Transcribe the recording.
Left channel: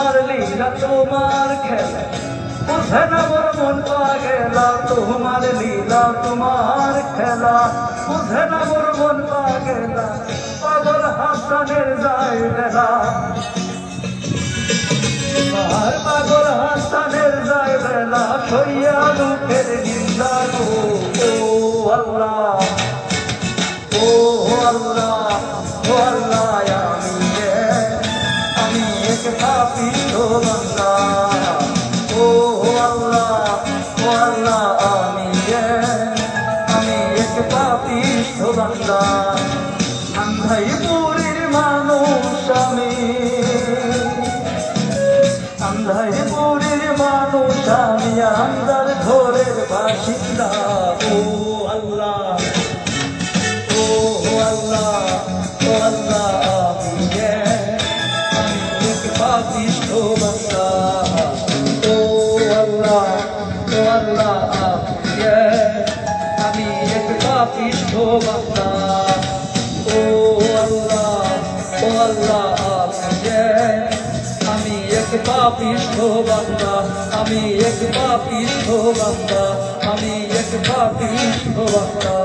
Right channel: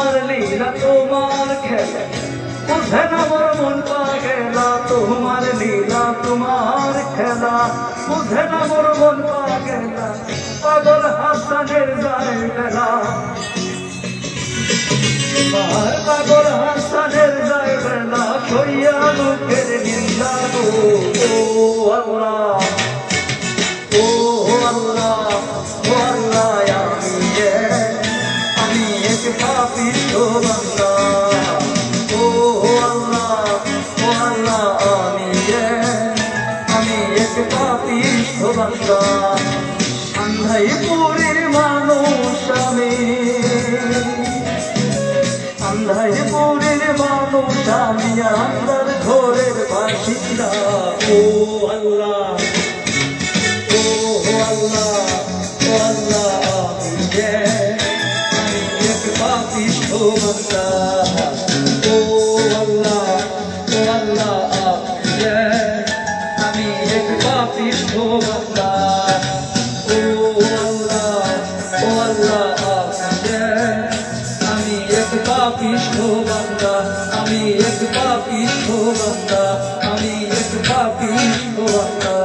তোমার লীলা তোমার খেলা বুঝে না মোর মন পাগেলা তোমার লীলা তোমার খেলা বুঝে না মোর মন পাগেলা পাগল হাসানের যায় বেলা পাগল হাসানের যায় বেলা সইয়া লোকের নিন্দা গো আল্লাহ ও আল্লাহ ও আল্লাহ আমি এক পাপিষ্ঠ বান্দা ও আল্লাহ ও আল্লাহ আমি এক পাপিষ্ঠ বান্দা আন্ধাইপুরের মানুষ আমি আন্ধাইপুরের মানুষ আমি আন্ধার ঘরের বাসিন্দা ও আল্লাহ ও আল্লাহ ও আল্লাহ আমি এক পাপিষ্ঠ বান্দা ও আল্লাহ ও আল্লাহ আমি এক পাপিষ্ঠ বান্দা ও আল্লাহ ও আল্লাহ আমি এক পাপিষ্ঠ বান্দা আমি এক পাপিষ্ঠ বান্দা আমি এক পাপিষ্ঠ বান্দা